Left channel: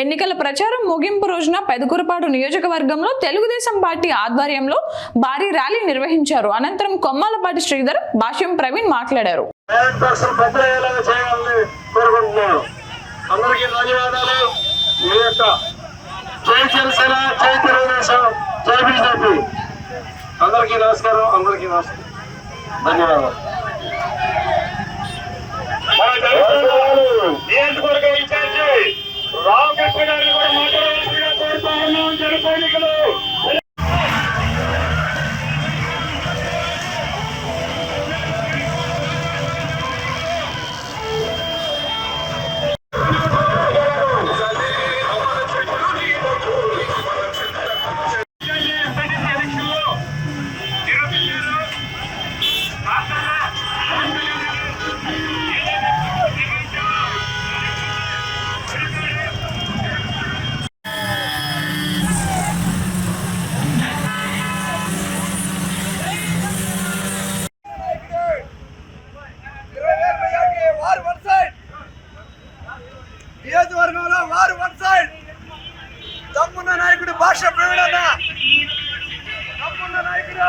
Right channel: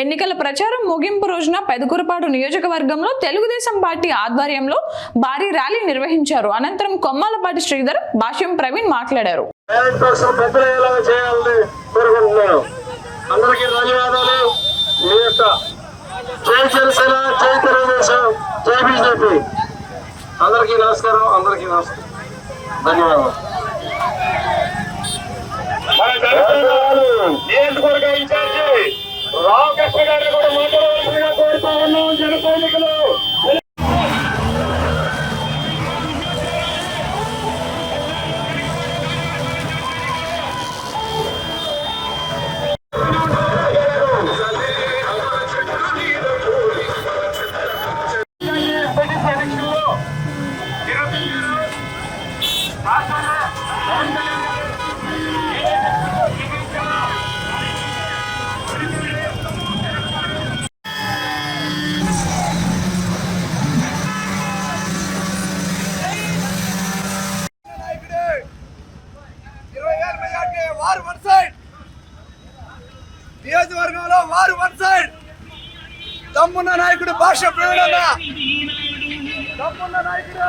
ఎన్నికల ప్రచారం ముగింపు రోజున పెదకూరపాడు నియోజకవర్గంలో తెలుగుదేశం పార్టీ ఆధ్వర్యంలో భారీ ర్యాలీ నిర్వహించారు. అనంతరం కొమ్మాలపాటి శ్రీధర్, భాష్యం ప్రవీణ్ మాట్లాడారు. అందరికీ నమస్కారం. అందరికీ నమస్తే, ధన్యవాదాలు. నియోజకవర్గ ఇన్ఛార్జి రామకృష్ణ గారిని కూడా మాట్లాడవలసిందిగా కోరుతా ఉన్నాం. జన సైనికులు నియోజకవర్గంలో వారు వన్ సైడ్. దమ్మున్న నాయకుడు భాష ప్రవీణ, దమ్మున్న నాయకుడు